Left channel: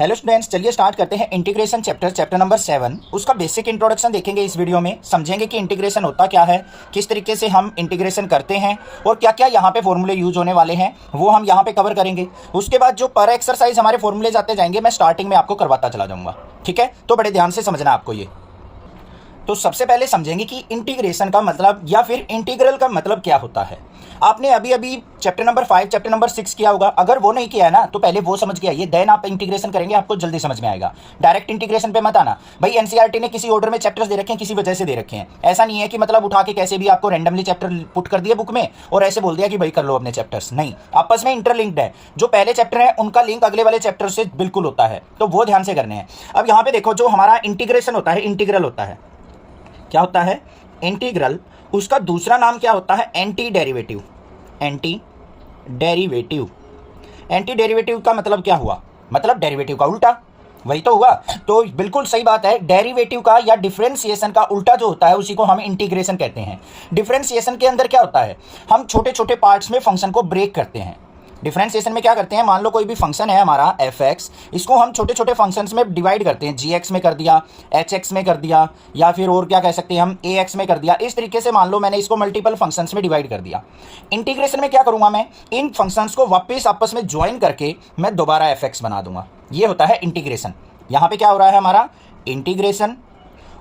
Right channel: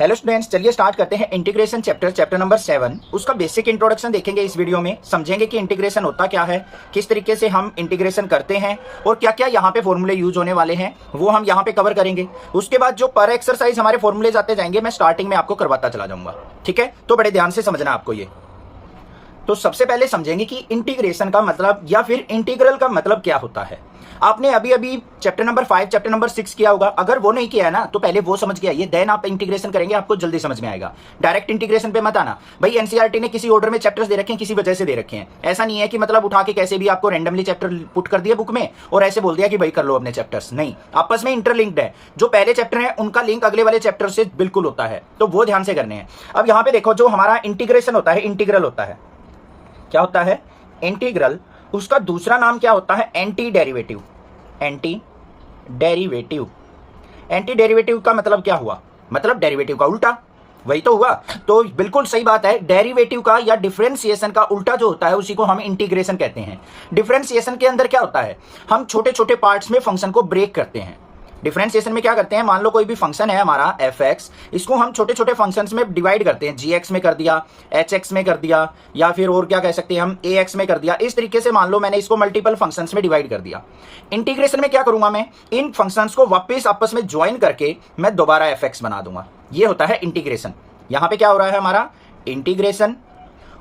Hello students, चलिए start करते हैं इंटीग्रेशन चैप्टर नंबर 7। उसका बेसिक इंट्रोडक्शन देखेंगे इस वीडियो में, समझेंगे कि इंटीग्रेशन होता क्या है, किस तरीके से हम इंटीग्रेशन करते हैं और क्या क्या यहाँ पे फॉर्मूले यूज होने वाले हैं वो हम यहाँ पे कवर करेंगे। उसके बाद जो पर एक्सरसाइज हमारे फॉर्मूले आते जाएंगे मैं स्टार्टिंग में आपको करवाता चला जाऊँगा। ठीक है, तो बड़े ध्यान से समझना आपको ये। तो सबसे पहले समझेंगे कि इंटीग्रेशन का मतलब या फिर इंटीग्रल का मतलब क्या होता है। आपने अभी अभी चैप्टर नंबर 5 चैप्टर नंबर 6 किया होगा, अगर वो नहीं किया है ना तो पहले वो समझ के आइए, देन आप इंटीग्रेशन करेंगे, आपको जल्दी समझ में आएगा। डायरेक्ट इंटीग्रेशन पे मत आना भाई। एनसीईआरटी ने किसी ऑर्डर में चैप्टर्स दे रखे हैं, किसी वजह से दे रखे हैं। ऐसा नहीं है कि मतलब उठा के कैसे भी आपको रैंडमली चैप्टर पुट कर दिया बुक में और ऐसे बोल दिया कि भाई कर लो अपने चैप्टर्स। नहीं, आपस में इंटरलिंक्ड है। जो पहले चैप्टर है उनका लिंक अगले वाले चैप्टर से बिल्कुल होता है, तो वो ध्यान से करने हैं। अब यहाँ पे देखो, जो हमारा इंटीग्रेशन होता है, इंटीग्रल होता है, क्या होता है इंटीग्रल, उसका दूसरा नाम क्या होता है anti derivative. Anti derivative, anti derivative का मतलब क्या हुआ, मतलब डेरिवेटिव का उल्टा, वही तो हुआ। तो बिल्कुल सही बात है, डेरिवेटिव का या डिफरेंशिएशन का उल्टा जो होता है उसी को हम इंटीग्रेशन कहते हैं। डिफरेंशिएशन के अंदर क्या होता है, हम छोटे छोटे पार्ट्स में फंक्शन को ब्रेक करते हैं। डिफरेंशिएशन में क्या करते हैं, मान लो कोई भी फंक्शन है हमारा f(x), इसको हम छोटे छोटे फंक्शंस में डिवाइड करते हैं। gx में कर दिया, hx में कर दिया, या फिर और क्या कह सकते हैं हम ax में कर दिया। इस तरीके से मान लो मैंने इसको मल्टीपल फंक्शंस में डिवाइड कर दिया। इंटीग्रेशन में क्या करूंगा, मैं इन फंक्शंस को वापस आपस में ज्वाइन करके मैं दोबारा f(x) बना दूंगा। ये होता है इंटीग्रेशन। यहां पे क्या हो रहा है हमारा इंटीग्रेशन,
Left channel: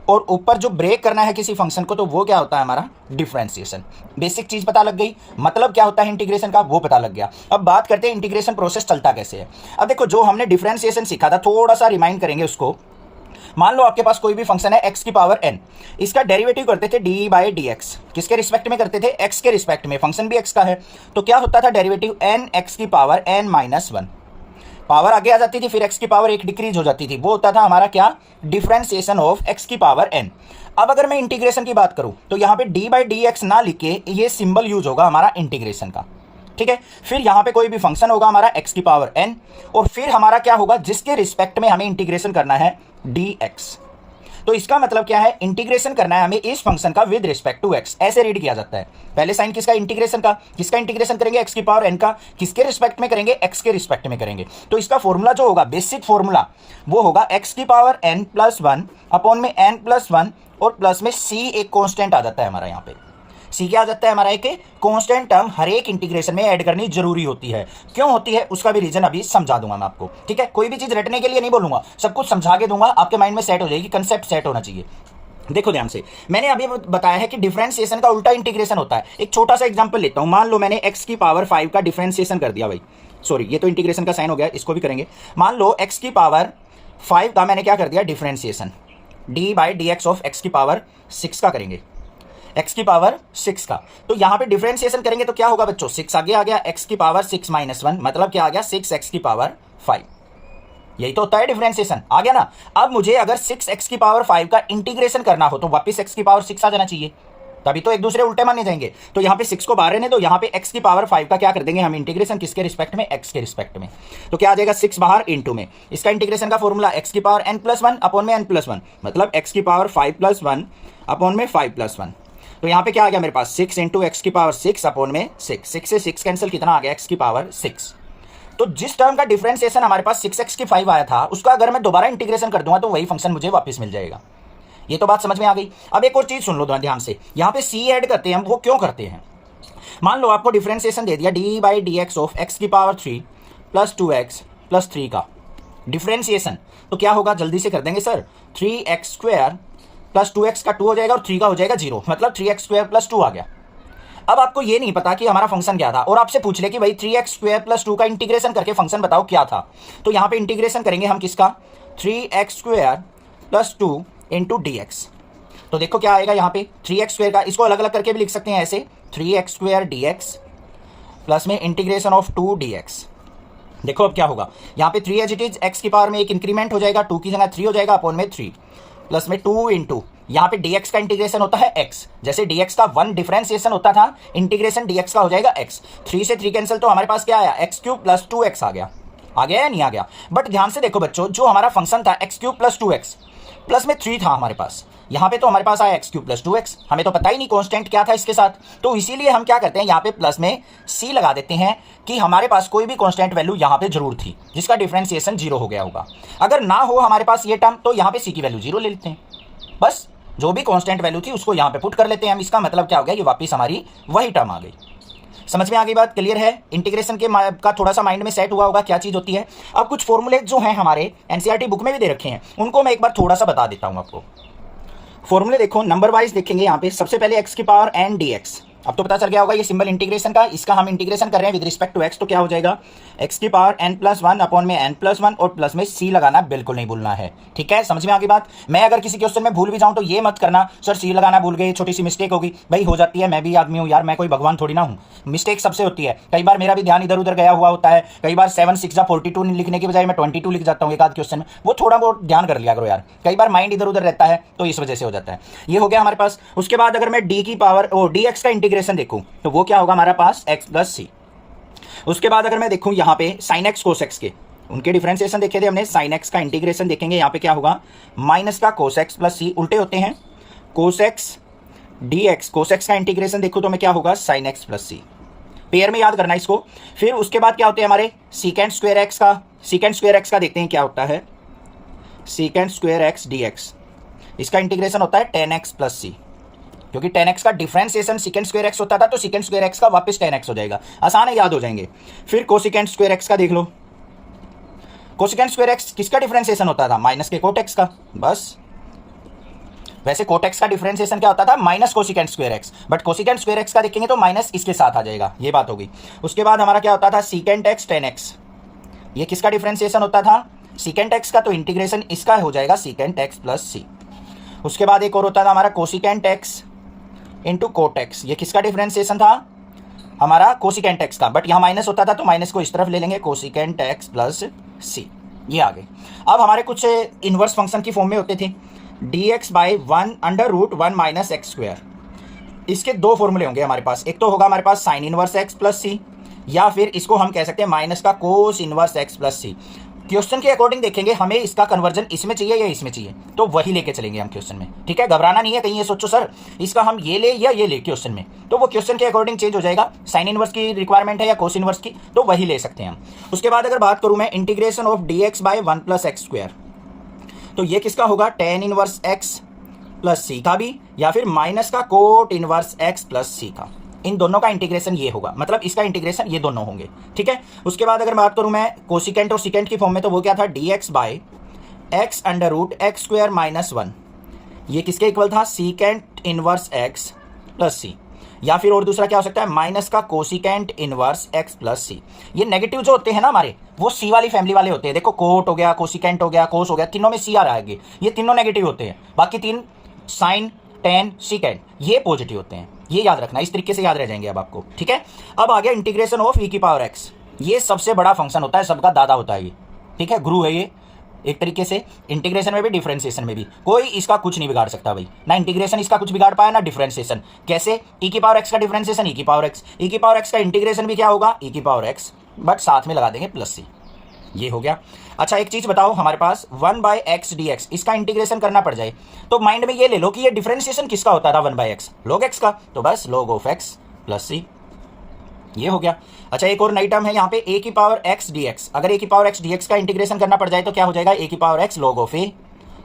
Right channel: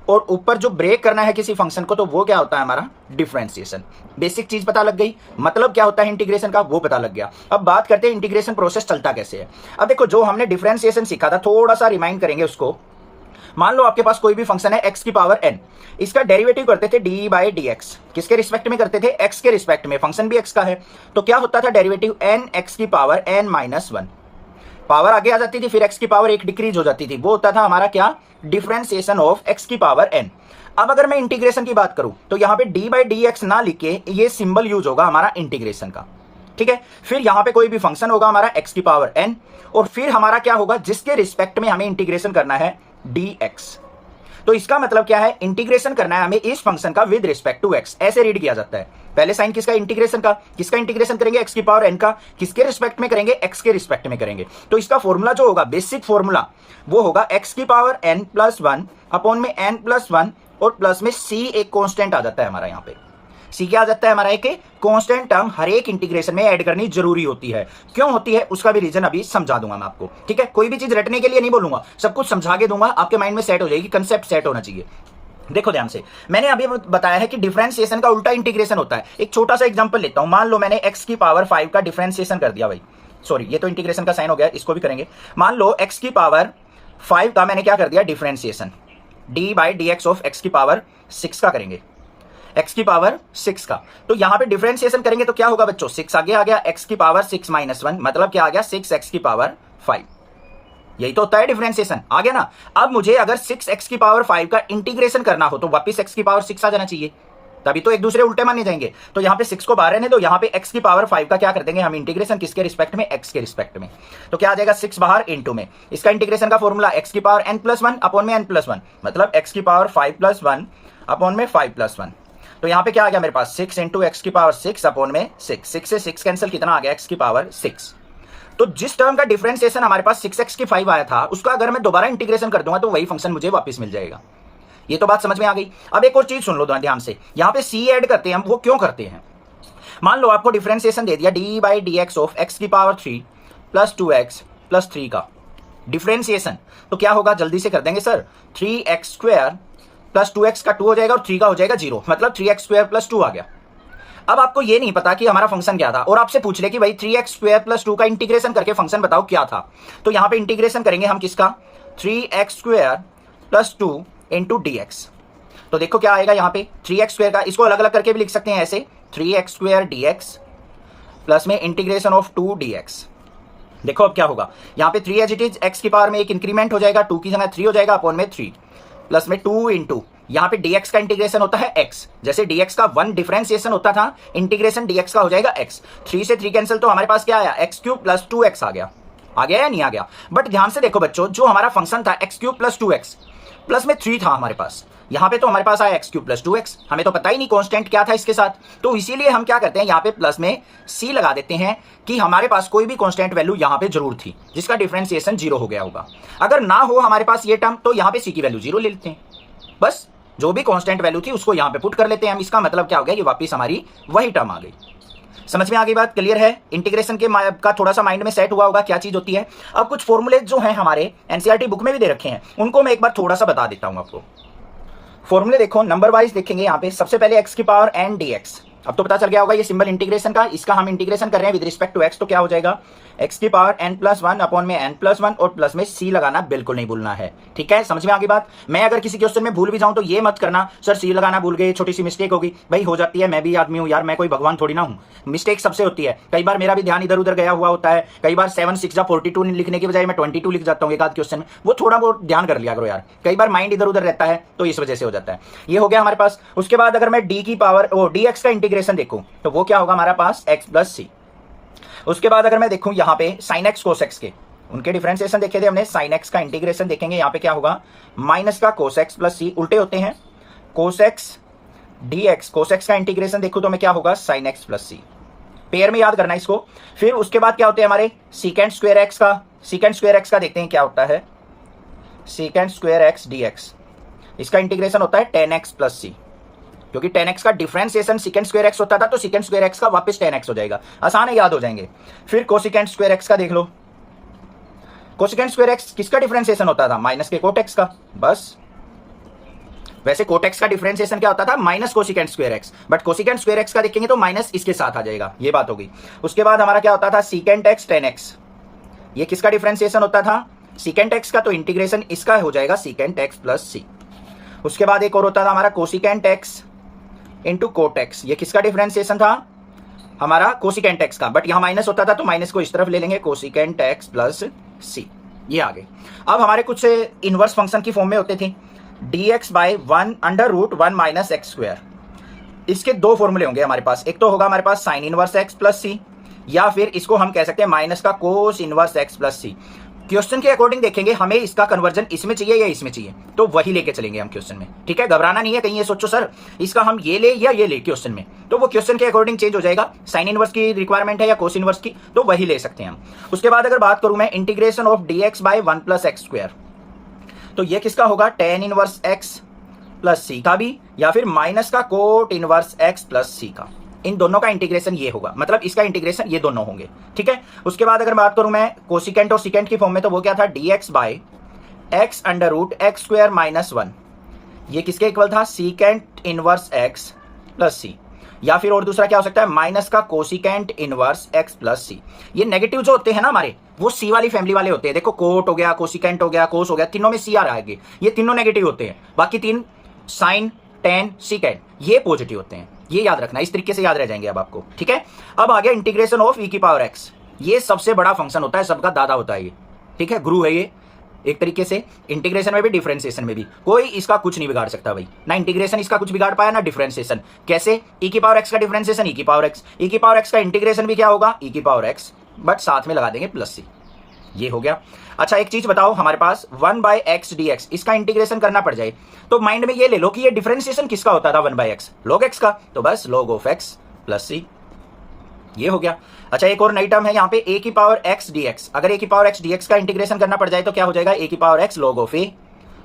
और ऊपर जो ब्रेक करना है किसी फंक्शन को तो वो क्या होता है हमारा डिफरेंशिएशन। बेसिक चीज पता लग गई, मतलब क्या होता है इंटीग्रेशन का वो पता लग गया। अब बात करते हैं इंटीग्रेशन प्रोसेस चलता कैसे है। अब देखो, जो हमने डिफरेंशिएशन सीखा था थोड़ा सा रिमाइंड करेंगे उसको। मान लो आपके पास कोई भी फंक्शन है x की पावर n, इसका डेरिवेटिव करते थे d/dx। किसके रिस्पेक्ट में करते थे, x के रिस्पेक्ट में, फंक्शन भी x का है। तो क्या होता था डेरिवेटिव n x की पावर n-1, पावर आगे आ जाती थी, फिर x की पावर 1 डिक्रीज हो जाती थी। वो होता था हमारा क्या, डिफरेंशिएशन ऑफ x की पावर n। अब अगर मैं इंटीग्रेशन की बात करूं तो यहां पे d/dx ना लिख के ये सिंबल यूज होगा हमारा इंटीग्रेशन का। ठीक है, फिर यहां पे कोई भी फंक्शन होगा हमारा x की पावर n, और फिर हमारा क्या होगा, जिसके रिस्पेक्ट में हमें इंटीग्रेशन करना है dx। तो इसका मतलब क्या है, इंटीग्रेशन करना है हमें इस फंक्शन का विद रिस्पेक्ट टू x। ऐसे रीड किया जाता है। पहले साइन किसका, इंटीग्रेशन का। किसका इंटीग्रेशन करेंगे, x की पावर n का। किसके रिस्पेक्ट में करेंगे, x के रिस्पेक्ट में करेंगे। तो इसका फॉर्मूला जो होगा, बेसिक फॉर्मूला, वो होगा x की पावर n+1 अपॉन में n+1, और प्लस में c एक कांस्टेंट आ जाता है हमारा। यहाँ पे c क्या आ जाता है हमारा, एक कांस्टेंट टर्म हर एक इंटीग्रेशन में ऐड करनी जरूरी होती है। क्यों होती है उसका भी रीजन अभी समझा दूंगा मैं आपको। ठीक है, कोई भी चीज रटने के लिए नहीं बोलूंगा, सब कुछ समझा के दूंगा, आपके माइंड में सेट हो जाएगी, कंसेप्ट सेट होना चाहिए। देखो ध्यान से, मैंने अभी बताया है कि डिफरेंशिएशन का उल्टा इंटीग्रेशन होता है। एक छोटा सा एग्जांपल लेता हूं। मान लो मैंने x की पावर 5 का डिफरेंशिएशन कर दिया भाई, सॉरी ये तो इंटीग्रेशन का साइन हो गया, इसको भी करेंगे। मान लो x की पावर 5 का मैंने क्या कर दिया, डिफरेंशिएशन d/dx ऑफ x की पावर 6 का करेंगे, x की पावर 6 का। तो यहां पे डिफरेंशिएशन करेंगे तो क्या होगा बच्चों, 6 आगे आ गया, x की पावर 6-1, मतलब क्या आ गया, 6x की पावर 5। यही तो होता है डिफरेंशिएशन, आ गया ना। अब मुझे अगर 6x की पावर 5 का इंटीग्रेशन करना हो तो वापस x की पावर 6 आ जाना चाहिए, तभी तो एक दूसरे उल्टे माने जाएंगे। तो यहां पे 6 को बाहर रहने दो, यहां पे x की पावर 5 का क्या कर देंगे हम इंटीग्रेशन, किसके रिस्पेक्ट में, x के रिस्पेक्ट में। तो क्या आ जाएगा, 6 बाहर इंटू में, इसका इंटीग्रेशन का फॉर्मूला x की पावर n+1 अपॉन में n+1, मतलब x की पावर 5+1 अपॉन में 5+1। तो यहां पे क्या आ गया मेरे पास, 6 इंटू एक्स की पावर 6 अपॉन में 6। 6 से 6 कैंसिल, कितना आ गया, x की पावर 6। तो जिस टर्म का डिफरेंशिएशन हमारे पास 6x की 5 आया था, उसका अगर मैं दोबारा इंटीग्रेशन कर दूंगा तो वही फंक्शन मुझे वापस मिल जाएगा। ये तो बात समझ में आ गई। अब एक और चीज सुन लो ध्यान से, यहां पे c ऐड करते हैं हम, वो क्यों करते हैं। मान लो आपको डिफरेंशिएशन दे दिया d/dx ऑफ x की पावर 3 प्लस 2x प्लस 3 का डिफरेंशिएशन, तो क्या होगा, जल्दी से कर देंगे सर। 3x² प्लस 2x का 2 हो जाएगा और 3 का हो जाएगा 0, मतलब 3x² प्लस 2 आ गया। अब आपको ये नहीं पता कि हमारा फंक्शन क्या था, और आपसे पूछ ले कि भाई 3x² प्लस 2 का इंटीग्रेशन करके फंक्शन बताओ क्या था। तो यहां पे इंटीग्रेशन करेंगे हम किसका, 3x² प्लस 2 इंटू dx। तो देखो क्या आएगा यहाँ पे, 3x² का, इसको अलग अलग करके भी लिख सकते हैं ऐसे, 3x² dx प्लस में इंटीग्रेशन ऑफ 2 dx। देखो अब क्या होगा, यहाँ पे 3 एज इट इज, x की पावर में एक इंक्रीमेंट हो जाएगा, 2 की जगह 3 हो जाएगा अपॉन में 3, प्लस में 2 इंटू, यहाँ पे dx का इंटीग्रेशन होता है x, जैसे dx का 1 डिफरेंशिएशन होता था, इंटीग्रेशन dx का हो जाएगा x। 3 से 3 कैंसिल, तो हमारे पास क्या आया, x³ प्लस 2x आ गया। आ गया या नहीं आ गया? बट ध्यान से देखो बच्चों, जो हमारा फंक्शन था x cube plus 2x plus में 3 था हमारे पास, यहां पे तो हमारे पास आया एक्स क्यूब प्लस 2x, हमें तो पता ही नहीं कांस्टेंट क्या था इसके साथ, तो इसीलिए हम क्या करते हैं यहां पे प्लस में c लगा देते हैं कि हमारे पास कोई भी कांस्टेंट वैल्यू यहां पे जरूर थी जिसका डिफरेंशिएशन 0 हो गया होगा। अगर ना हो हमारे पास ये टर्म तो यहां पे c की वैल्यू 0 ले लेते हैं, बस जो भी कांस्टेंट वैल्यू थी उसको यहां पे पुट कर लेते हैं हम। इसका मतलब क्या हो गया, ये वापस हमारी वही टर्म आ गई। समझ में आ गई बात? क्लियर है? इंटीग्रेशन के का थोड़ा सा माइंड में सेट हुआ होगा क्या चीज होती है। अब कुछ फॉर्मूले जो हैं हमारे एनसीईआरटी बुक में भी दे रखे हैं, उनको मैं एक बार थोड़ा सा बता देता हूं आपको। फॉर्मूले देखो, नंबर वाइज देखेंगे यहाँ पे। सबसे पहले x की पावर n dx, अब तो पता चल गया होगा ये सिंबल इंटीग्रेशन का, इसका हम इंटीग्रेशन कर रहे हैं विद रिस्पेक्ट टू x, तो क्या हो जाएगा x की पावर n+1 अपॉन में n+1 और प्लस में c लगाना बिल्कुल नहीं भूलना है। ठीक है, समझ में आ गई बात? मैं अगर किसी क्वेश्चन में भूल भी जाऊं तो ये मत करना सर c लगाना भूल गए, छोटी सी मिस्टेक होगी। भाई हो जाती है, मैं भी आदमी हूं यार, मैं कोई भगवान थोड़ी ना हूं, मिस्टेक सबसे होती है। कई बार मेरा भी ध्यान इधर उधर गया हुआ होता है, कई बार 7 6 42 लिखने की बजाय मैं 22 लिख जाता हूँ एक आध क्वेश्चन में, वो थोड़ा बहुत ध्यान कर लिया करो यार, कई बार माइंड इधर उधर रहता है तो इस वजह से हो जाता है। ये हो गया हमारे पास। उसके बाद अगर मैं d की पावर dx का इंटीग्रेशन देखूं तो वो क्या होगा हमारे पास x प्लस सी। उसके बाद अगर मैं देखूं यहाँ पे साइन एक्स कोस एक्स के, उनके डिफरेंशिएशन देखे थे हमने, साइन एक्स का इंटीग्रेशन देखेंगे, यहाँ पे क्या होगा माइनस का कोस एक्स प्लस सी, उल्टे होते हैं cos x D x, cos x का इंटीग्रेशन देखो तो मैं क्या होगा साइन एक्स प्लस सी, पेयर में याद करना इसको। फिर उसके बाद क्या होते हैं हमारे सीकेंड स्क्वायर एक्स का, सीकेंड स्क्वायर एक्स का देखते हैं क्या होता है, secant square x D x, इसका इंटीग्रेशन होता है 10x प्लस सी, क्योंकि 10x का डिफरेंशिएशन सेकंड स्क्वायर एक्स होता था तो सेकंड स्क्वायर एक्स का वापस 10x हो जाएगा, आसान है, याद हो जाएंगे। फिर कोसेकेंड स्क्वायर एक्स का देख लो, कोसेकेंड स्क्वायर एक्स किसका डिफरेंशिएशन होता था, माइनस के कोट एक्स का, बस। वैसे कोट एक्स का डिफरेंशिएशन क्या होता था, minus cosecant square x, but cosecant square x का देखेंगे तो माइनस इसके साथ आ जाएगा, ये बात होगी। उसके बाद हमारा क्या होता था सीकेंड एक्स 10x, ये किसका डिफरेंशिएशन होता था, सीकेंड एक्स का, तो इंटीग्रेशन इसका हो जाएगा सीकेंड एक्स प्लस सी। उसके बाद एक और होता था हमारा cosecant x into cot x, ये किसका डिफरेंशिएशन था हमारा कोसिकेंट एक्स का, बट यहाँ माइनस होता था तो माइनस को इस तरफ ले लेंगे कोसिकेंट एक्स प्लस सी, ये आ गए। अब हमारे कुछ इनवर्स फंक्शन की फॉर्म में होते थे dx by 1/√1 minus x square, इसके दो फॉर्मूले होंगे हमारे पास, एक तो होगा हमारे पास साइन इनवर्स एक्स प्लस सी, या फिर इसको हम कह सकते हैं माइनस का कोस इनवर्स एक्स प्लस सी। क्वेश्चन के अकॉर्डिंग देखेंगे हमें इसका कन्वर्जन इसमें चाहिए या इसमें चाहिए, तो वही लेके चलेंगे हम क्वेश्चन में। ठीक है, घबराना नहीं है, कहीं ये सोचो सर इसका हम ये ले या ये ले क्वेश्चन में, तो वो क्वेश्चन के अकॉर्डिंग चेंज हो जाएगा, साइन इनवर्स की रिक्वायरमेंट है या कोस इनवर्स की, तो वही ले सकते हैं हम। उसके बाद अगर बात करूं मैं integration of dx by 1 plus x square, तो ये किसका होगा tan inverse x plus C का भी, या फिर माइनस का cot inverse x plus C का, इन दोनों का इंटीग्रेशन ये होगा, मतलब इसका इंटीग्रेशन ये दोनों होंगे। ठीक है, उसके बाद अगर बात करूं मैं कोसिकेंट और सिकेंट की फॉर्म में, तो वो क्या था dx बाय x√x² माइनस 1, ये किसके इक्वल था सीकेंट इनवर्स x प्लस सी, या फिर और दूसरा क्या हो सकता है माइनस का cosecant inverse x plus C. ये नेगेटिव जो होते हैं ना हमारे, वो सी वाली फैमिली वाले होते हैं, देखो कोट हो गया, कोसिकेंट हो गया, कोस हो गया, तीनों में सी आ रहा है, ये तीनों नेगेटिव होते हैं, बाकी तीन साइन टेन सीकेंट ये पॉजिटिव होते हैं, ये याद रखना, इस तरीके से याद रह जाएंगे अब आपको। ठीक है, अब आ गया इंटीग्रेशन ऑफ e की पावर x, ये सबसे बड़ा फंक्शन होता है, सबका दादा होता है ये। ठीक है, गुरु है ये एक तरीके से, इंटीग्रेशन में भी डिफरेंशिएशन में भी, कोई इसका कुछ नहीं बिगाड़ सकता भाई, ना इंटीग्रेशन इसका कुछ बिगाड़ पाया ना डिफरेंशिएशन। कैसे, e की पावर x का डिफरेंशिएशन e की पावर x, e की पावर x का इंटीग्रेशन भी क्या होगा e की पावर x, बट साथ में लगा देंगे प्लस सी, ये हो गया। अच्छा एक चीज बताओ, हमारे पास 1/x dx, इसका इंटीग्रेशन करना पड़ जाए तो माइंड में ये ले लो कि ये डिफरेंशिएशन किसका होता था 1/x, log x का, तो बस log of x plus C, ये हो गया। अच्छा एक और नई टर्म है यहाँ पे a की पावर x dx, अगर a की पावर x dx का इंटीग्रेशन करना पड़ जाए तो क्या हो जाएगा a की power x log of a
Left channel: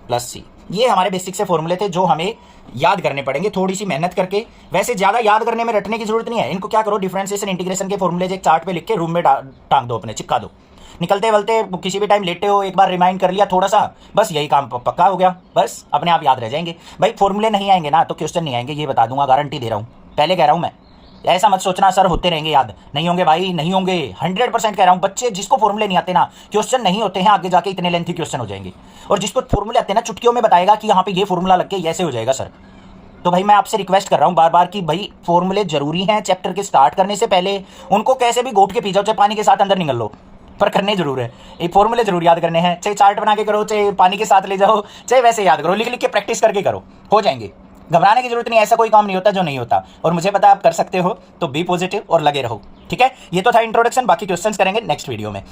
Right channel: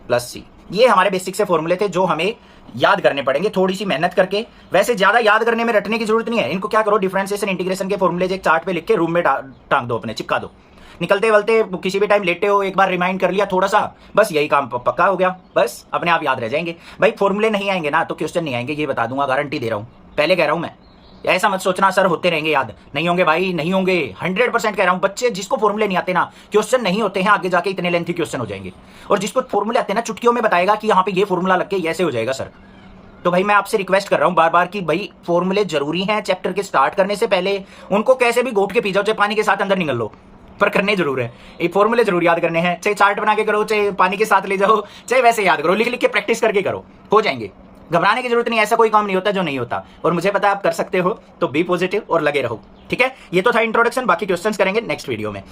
plus C. ये हमारे बेसिक से फॉर्मूले थे जो हमें याद करने पड़ेंगे थोड़ी सी मेहनत करके, वैसे ज्यादा याद करने में रटने की जरूरत नहीं है, इनको क्या करो डिफरेंशिएशन इंटीग्रेशन के फॉर्मूले एक चार्ट पे लिख के रूम में टांग दो, अपने चिपका दो, निकलते वलते किसी भी टाइम लेटे हो एक बार रिमाइंड कर लिया थोड़ा सा, बस यही काम पक्का हो गया, बस अपने आप याद रह जाएंगे। भाई फॉर्मूले नहीं आएंगे ना तो क्वेश्चन नहीं आएंगे, ये बता दूंगा, गारंटी दे रहा हूं, पहले कह रहा हूं मैं, ऐसा मत सोचना सर होते रहेंगे याद, नहीं होंगे भाई, नहीं होंगे, 100% कह रहा हूं। बच्चे जिसको फॉर्मूले नहीं आते ना, क्वेश्चन नहीं होते हैं आगे जाके इतने लेंथी क्वेश्चन हो जाएंगे, और जिसको फॉर्मूले आते हैं ना चुटकियों में बताएगा कि यहाँ पे ये फॉर्मूला लग के ऐसे हो जाएगा सर। तो भाई मैं आपसे रिक्वेस्ट कर रहा हूं बार बार कि भाई फॉर्मूले जरूरी हैं, चैप्टर के स्टार्ट करने से पहले उनको कैसे भी घोट के पी जाओ, चाहे पानी के साथ अंदर निकल लो, पर करने जरूर है, ये फॉर्मूले जरूर याद करने हैं, चाहे चार्ट बना के करो, चाहे पानी के साथ ले जाओ, चाहे वैसे याद करो, लिख लिख के प्रैक्टिस करके करो, हो जाएंगे, घबराने की जरूरत नहीं, ऐसा कोई काम नहीं होता जो नहीं होता, और मुझे पता है आप कर सकते हो, तो बी पॉजिटिव और लगे रहो। ठीक है, ये तो था इंट्रोडक्शन, बाकी क्वेश्चंस करेंगे नेक्स्ट वीडियो में।